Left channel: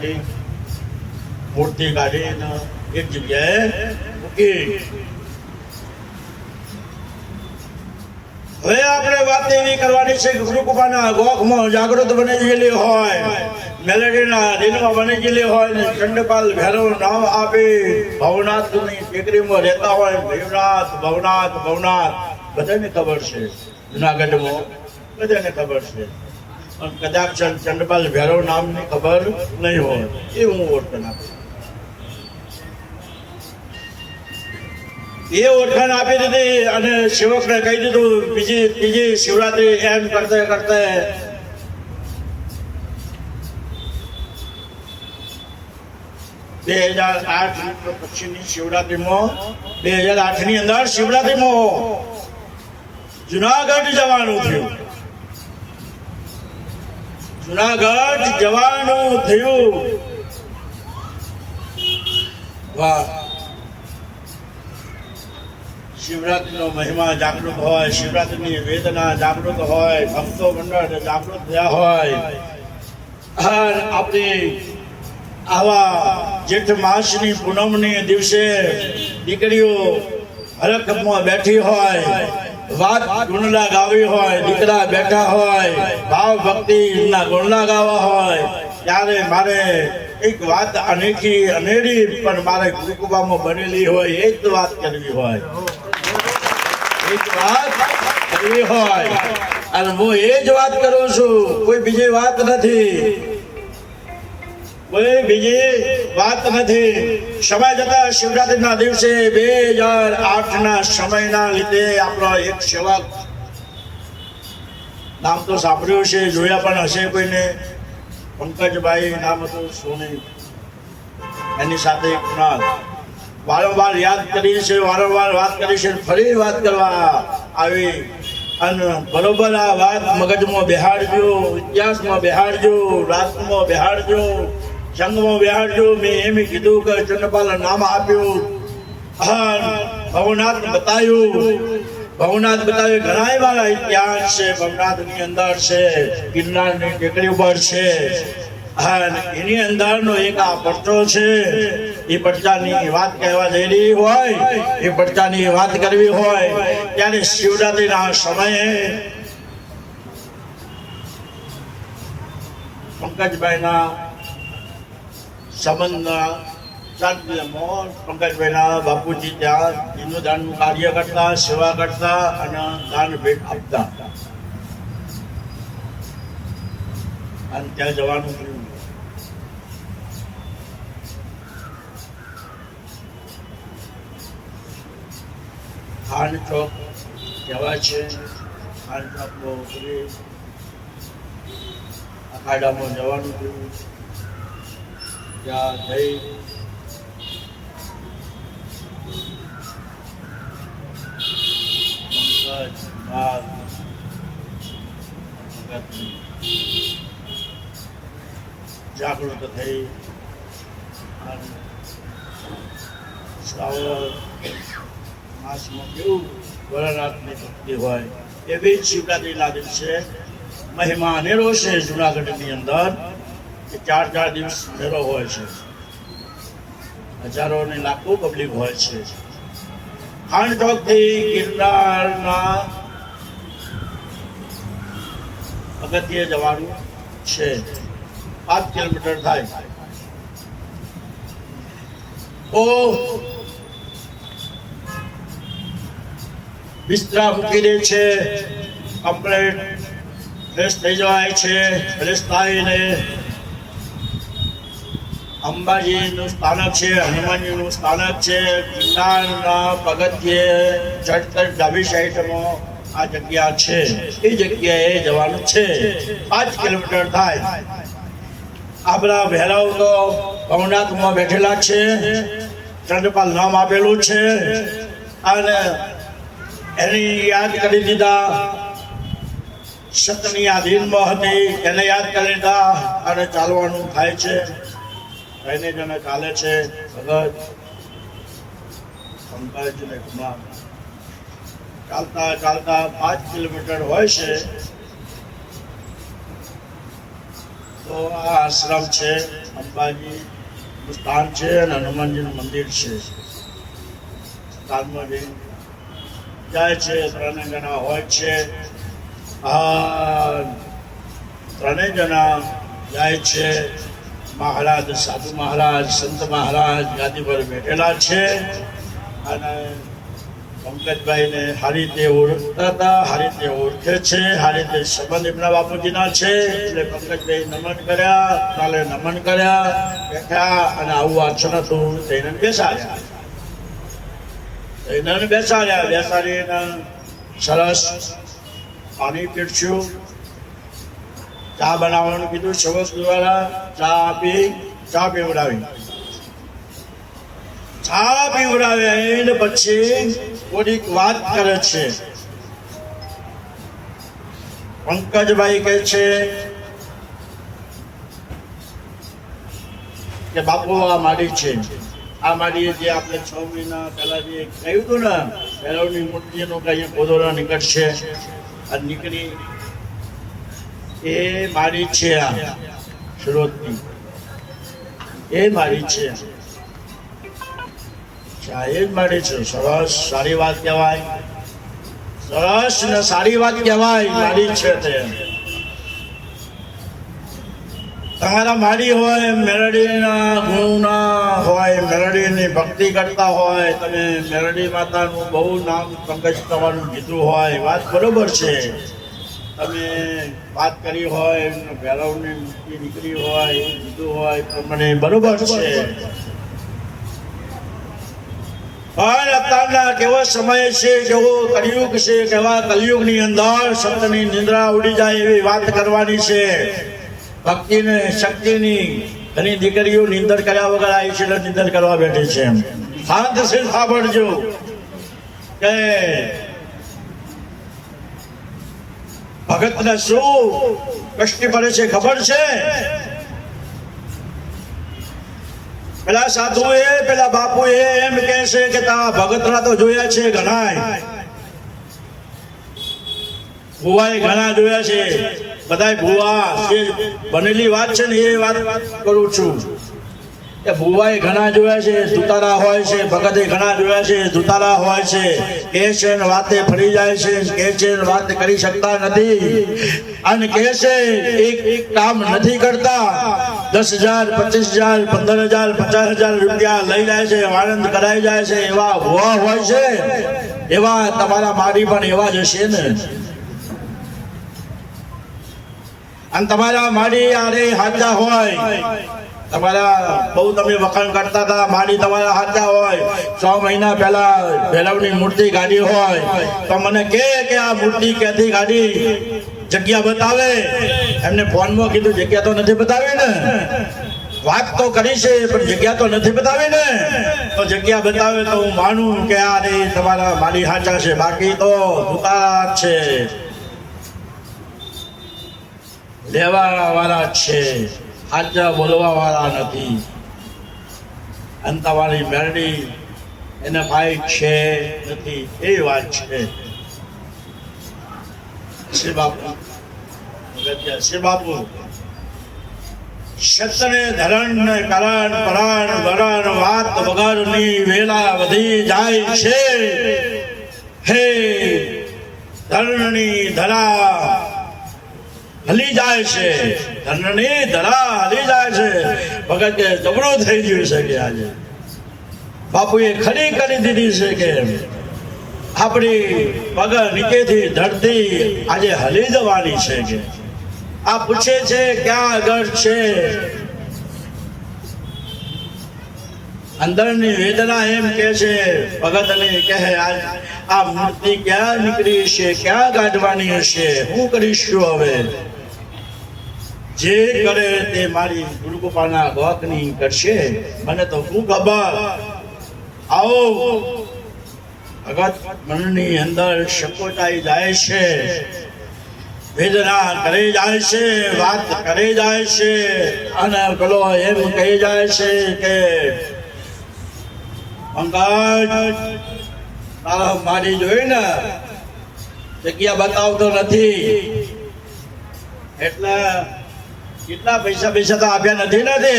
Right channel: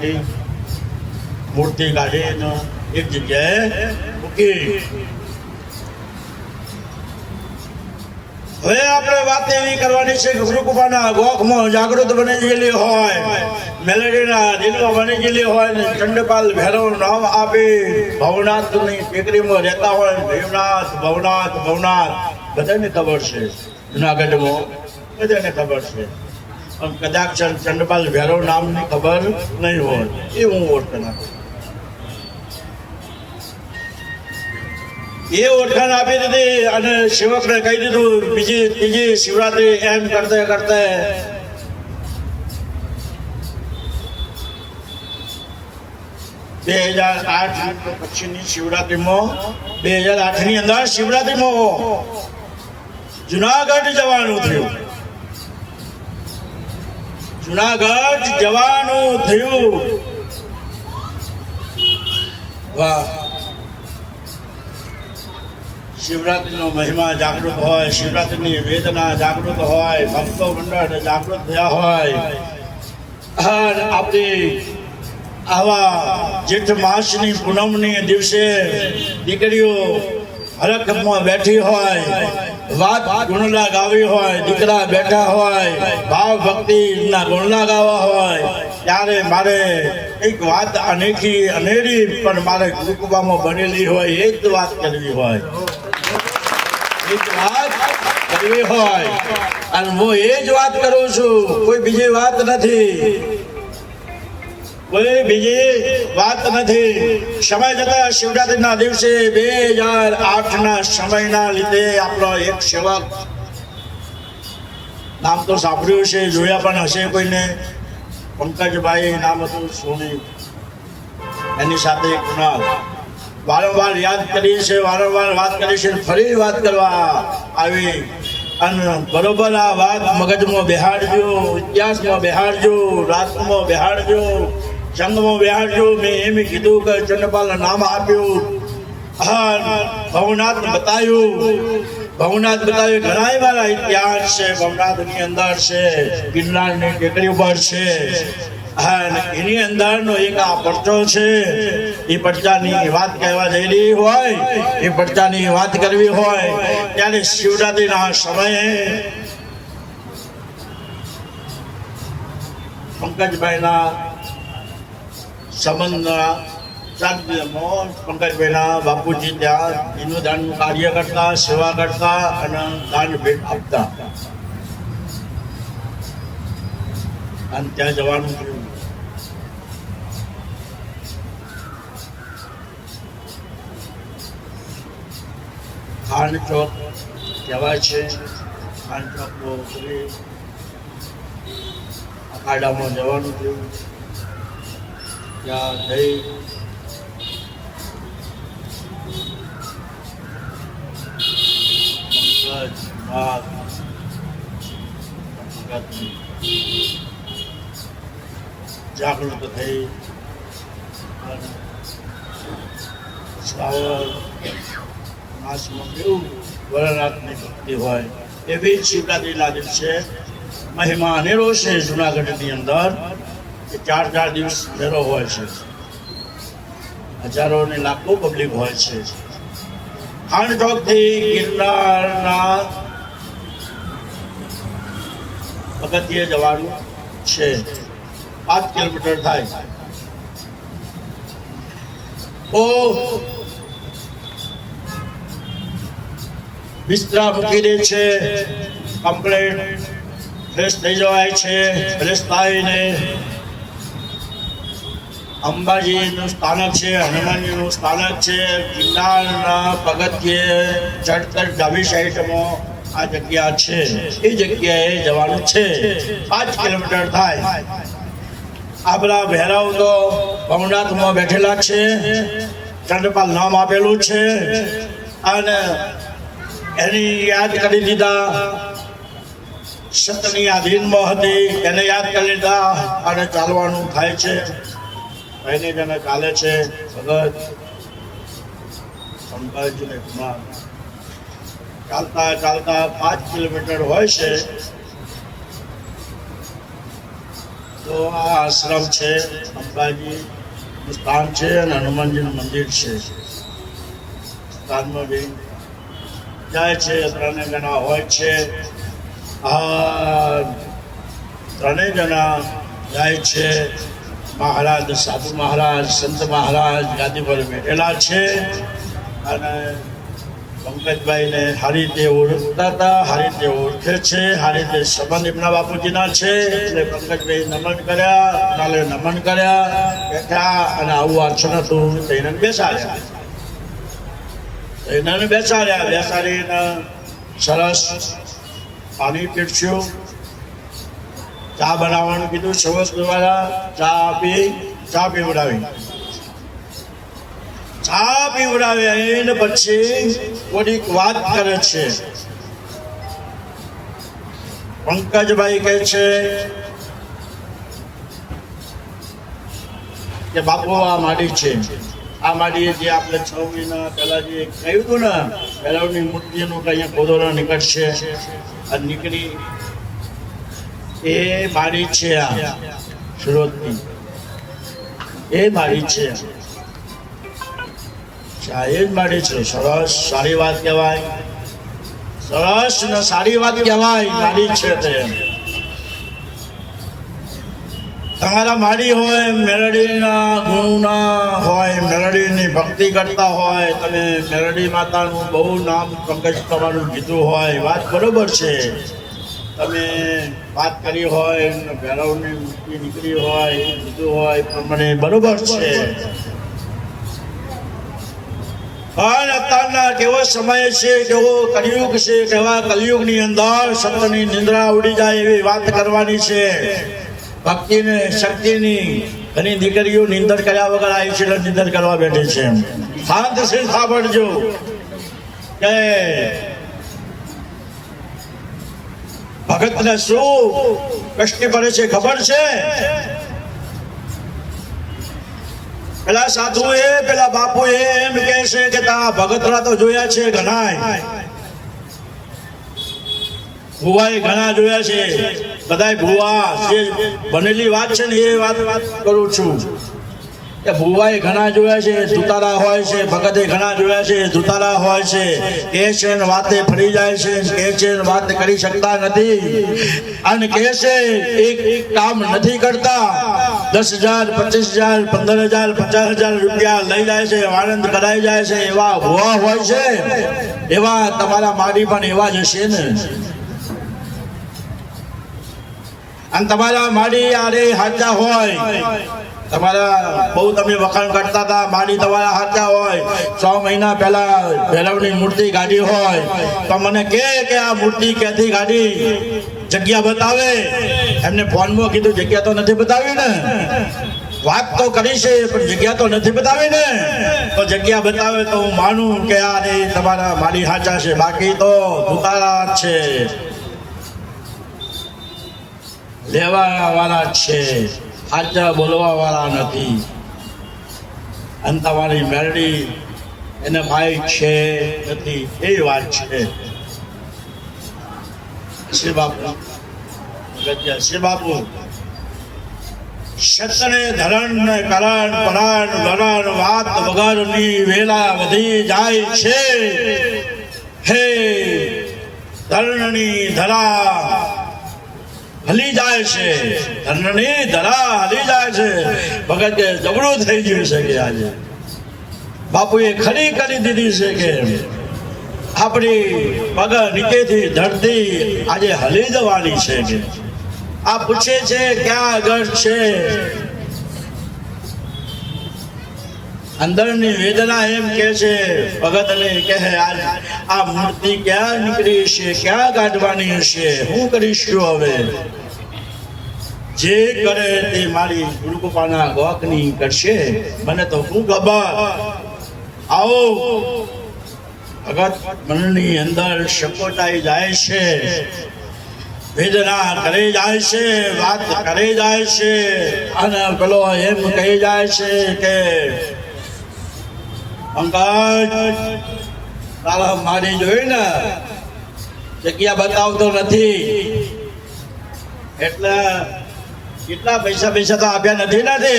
કાઢી મૂર્તિ કાઢી અને એક જગ્યાએ મૂકી હવે આપણે વાત એવી કરવાની છે કે ગુરુકૃપાના ગોખમાં જાગૃત બની ગયેલી હોય મેલેડીના દિલમાં બની ગયેલી હોય ને ચંડપાલ ભૈરવ નામ આપી ભવનાથની ટેકરીમાં રહેતા હોય ભીમનાથ, ભવનાથ ભવનાથ, બધાને ખબર છે. જુનાગઢમાં બધાને ખબર છે. કદાચ ચંદ્રપાલ ભૈરવ નામની ખબર નહીં હોય. એ હું ઓળખાણ નાખું એ ઓળખાણ આપી દીધી અને સેવકને કહી દીધું, બીજી બીજી શિવરાત્રી એમ કરતા કરતા બે હજાર આઠ પછીની શિવરાત્રીમાં, બે હજાર આઠની અંદર શિવરાત્રીમાં જુનાગઢ જવાનું થયું. જુનાગઢ જવાનું થયું. વાહ. શિવરાત્રીનો મહિમા જાગૃત હોય, શિવરાત્રીની વેદના જાગૃત હોય, ભક્તો મંડળ જાગૃત થયા હોય. આપણે આવા જેઠ માસની પૂનમની દિવસે દીકરીઓ હરકતમાં બેઠી હોય. વાત ગુણલા ગાવી હોય, દીકરા બેઠા હોય, ભાવ ભક્તિના ગુણલા ગાવા હોય, ત્યારે મારે એક વાત અનેકી અનેરી, પણ મારે ગુરુકુબામાં બનેલી હોય, એ જ વાત કરવી હોય. એક વાત કરવી હોય, અને હું એ જ વાત કરું છું, કોઈ બીજી વાત નથી. કોઈ બીજી વાત નથી. સમય જતા શિવરાત્રીના દિવસે બે હજાર આઠના સમયના લીધે આપણો એક સેવક, નામ તો સાંભળ્યું છે જોયા પણ હશે કોઈને. પંકજભાઈ નામ હતું સોની. એની સાથે વારંવાર યાદ કરી છે વારંવાર વાત કરી છે ફરી વાત કરવા આવી. અને બરોબર આ વાત મગજમાં બેહાડજો, ઇતિહાસમાં બેહાડજો, રાતમાં બેહાડજો. સંઘમાં વ્યાજો મેં એમ કીધું કે ચંદ્રપાલ નામ આપ્યું. ભવનાથ બતાવ્યું ભવનાથ બતાવ્યું ઘણા એવા ઇતિહાસ છે. ભવનાથની અંદર છે, ગિરનારની ટેકરી ઉપર છે. એની અંદરનો એક આ પડતો છે. એ પડતાની વાત કહેવા જઈ હોય, એ પડતાની વાત કરવી હોય, ત્યારે શિવરાત્રીના સમયે પંકજભાઈના સંબંધના સાનિધ્યમાં પંકજભાઈના બાપુજી ત્યાં એનું દાનનું કાર્ય કરતા, સેવા કરતા અને દાન ભેટ આપતા. અને ત્યાં જવાનું થયું. ખાન ચોક કહેવાય છે. ખાન ચોકનો ઉતરી અખાડામાં જવાનું થયું. ત્યાં જઈ થઈ. શ્રાવણ માસમાં કેવું વરનાથની ભક્તિ હોય એવી જ લાગે છે. મહિમા અનેરો છે જુનાગઢની અંદર. ચાર ચાર દિવસ ફેરો હોય છે. હજારો અને લાખો પબ્લિક હોય છે. ખાનચોકથી ગિરનારના પગથિયે જવાનું છે. પાંચ કિલોમીટર થાય. ઓ બિસ્તરા મૂકી દે છે. કમ્પ્લેટ. ફ્રેશ થઈ જવાય છે. ફ્રેશ થઈને અંબાજીનું સ્થાનક છે, હનુમાનજીનું સ્થાનક છે, ગિરનારના પગથિયે ચડતર ડાબી સાઈડમાં આ જગ્યા છે. એ જગ્યાએ જવાનું છે. પાંચ કિલોમીટર થાય. આપણા ભૈરવ તો ભવનાથમાં બેઠેલા છે. ચંદ્રપાલ નામ આપેલું છે. અને એની યાદ કરી દીધા. સતની આધીનમાં હતી એને યાદ કરી લીધા અને ચાલવાનું થાય છે. કઈને જણે ચાલે છે ભગત શંકરજીને કુમાર. ચાલતા ચાલતા પાંચ કિલોમીટર હોય છે, તો આ આશ્રમ છે, અંબાજી સ્થાન છે અને હનુમાનજીનું મંદિર છે. સ્થાનમાં બી જાય છે, ત્રણે જણા હોય છે. આ ત્રણેય જણા જાય છે. મહારાજ, સાધુ મહારાજ, સંત મહારાજ ગાદીભર બેઠેલા છે. અને પંકજભાઈને સારી રીતે ઓળખતા હતા, સારી રીતે ઓળખે છે, સારી રીતે સંબંધ એમના બાપુજીના છે. એટલે પંકજભાઈ નમન કર્યા, કાલે નમન કર્યા, બેઠા અને આવું વાંચન હતું તેને બેસાડ્યા. એને બેસાડ્યા, બેસાડીને સરસ પાણી પીરસ્યું. ચા બનાવવાનું કીધું, સરસ દ્વારા ચા આપી ચા પીવડાવી ચા પીવડાવે એને પછી કોઈક વાત કરે છે. પંકજભાઈ કહે છે કે, બાપુ, આ માડી છે. આ માડી જે આપણે છ મહિના પહેલા જે કહ્યું હતું ને પહેલાની મૂર્તિનું કઈ ગોદોરા નીકળશે અને નીકળી એ મારી છે આ સુરતની એ મારી છે એ જ મારી છે. સરસ, સારી વાત કહેવાય. સરસ ને સારી વાત કહેવાય, મારી છે તે. તમારા માડી હોય, મેરડીના ગુણના હોય, મેરડીની ભક્તિ કરતા હોય, તમે મેરડી માતાનું બહુ નામ પંકજ કરવાનું કીધું હોય, વાત બરોબર છે. તમે વાત કરી હોય ભૈરવની મૂર્તિ નીકળી હોય એ કીધું હોય પ્રમાણે બરોબર છે. પણ અત્યારના કેવો સમય છે, કેવો કલયુગ છે, કેવા કલયુગની અંદર સંતની નિંદ્રા ઉડી જાય એવી વાત કરવાની છે. ભક્તિને શક્તિની ઘણી દીકરીઓ નિંદર કર્યા વગર આવી છે નિંદર કરવા બેઠી છે. હાથ છે સાંભળજો. કે ભગતને શું? કષ્ટી પડે છે, ખબર છે? પેલા સાધુ એ પેલા બાપુ એ એમ કે છે કે તા ભગતરા તો જોયા છે ઘણા ભુવાએ ઘણા જોયા છે. બધા ભુવા, જે બનેલી વાત છે ને એ વાત કરું છું. કે ભુવાએ ઘણા જોયા છે, સુતારા હોય છે, ભગતે ઘણા જોયા છે દુતારા હોય છે. કે છે વાતે ફરી જાય છે, કે છે વાત કરી શકતા નથી. અને કે છે, એક એક કામ નથી કરતા. દસ હજાર, પચીસ હજાર, પંદર હજાર, પચાસ હજાર રૂપિયા લઈ જાય છે, આનંદ કરાઈ જાય છે, એવા ભુવા હોય છે. એવા તમારા મારી પણ એવા જ હશે ને. અને તમારા માડી આરે હાજા હોય. તમારા બહુ તમે વખાણ કરતા હતા માડી તમારા હાચા હોય. છ મહિના પહેલા ભેલવની મૂર્તિ ગાડી હોય. તો મને કે કે આ મૂર્તિ ક્યાંથી ગાડી જગ્યા બતાવે. એમને ફોનમાં કીધું, જગ્યા તો નથી બતાવી ને. વાત તો કરી છે, પણ જગ્યા તો નથી બતાવી ને. તો જગ્યા બતાવે તો હું માનું કે આ રે તમારા મારી હાચા છે. બાકી તો દુકાળા છે. લેવા વાળા છે. આચા બોલવા વાળા નથી. અને તમારી મેરડી એને ભાઈ છે નથી, એ વાત છે. શ્રી બાપુ શ્રી બાપુ. ક્ષત્રે ધરણ ને કરણ, પરણ, વરણ, વાત વગરની વેલા વધી જાય છે. હે ધરણની ધરા હલી જાય છે. ધનની ધરા હલી જાય છે. ભગત કે જબરું થઈ ગયું છે કે આજે? બાપુએ ખરી કરી દીધી છે કે આપણી પગ નીચેથી ધરતી આજે હલી જવાની છે કે? આ પૂછે છે ક્યાં આગળ છે? અંદરની વેદના એમ કે છે, ભગતને કહે આ મૂર્તિ ક્યાં નીકળી છે? ક્યાં કાઢવાની હશે? હું કરીશું હવે? જે કરે તે મારી ગુરુકૃપાના ગોકની કરશે. મને તો શું ખબર આવો. અગત મનની અંદર સકોટાઈ જાય છે. વેદના કરે જાય છે, વાત કરે જાય છે, અને પેલો એમ કહી જાય છે કે, પંકજ, તારા મારી જોઈ ને, જગ્યા બતાવતો નથી. એટલે કેટલા પૈસા પૈસા તો આપ્યા નથી ને તે.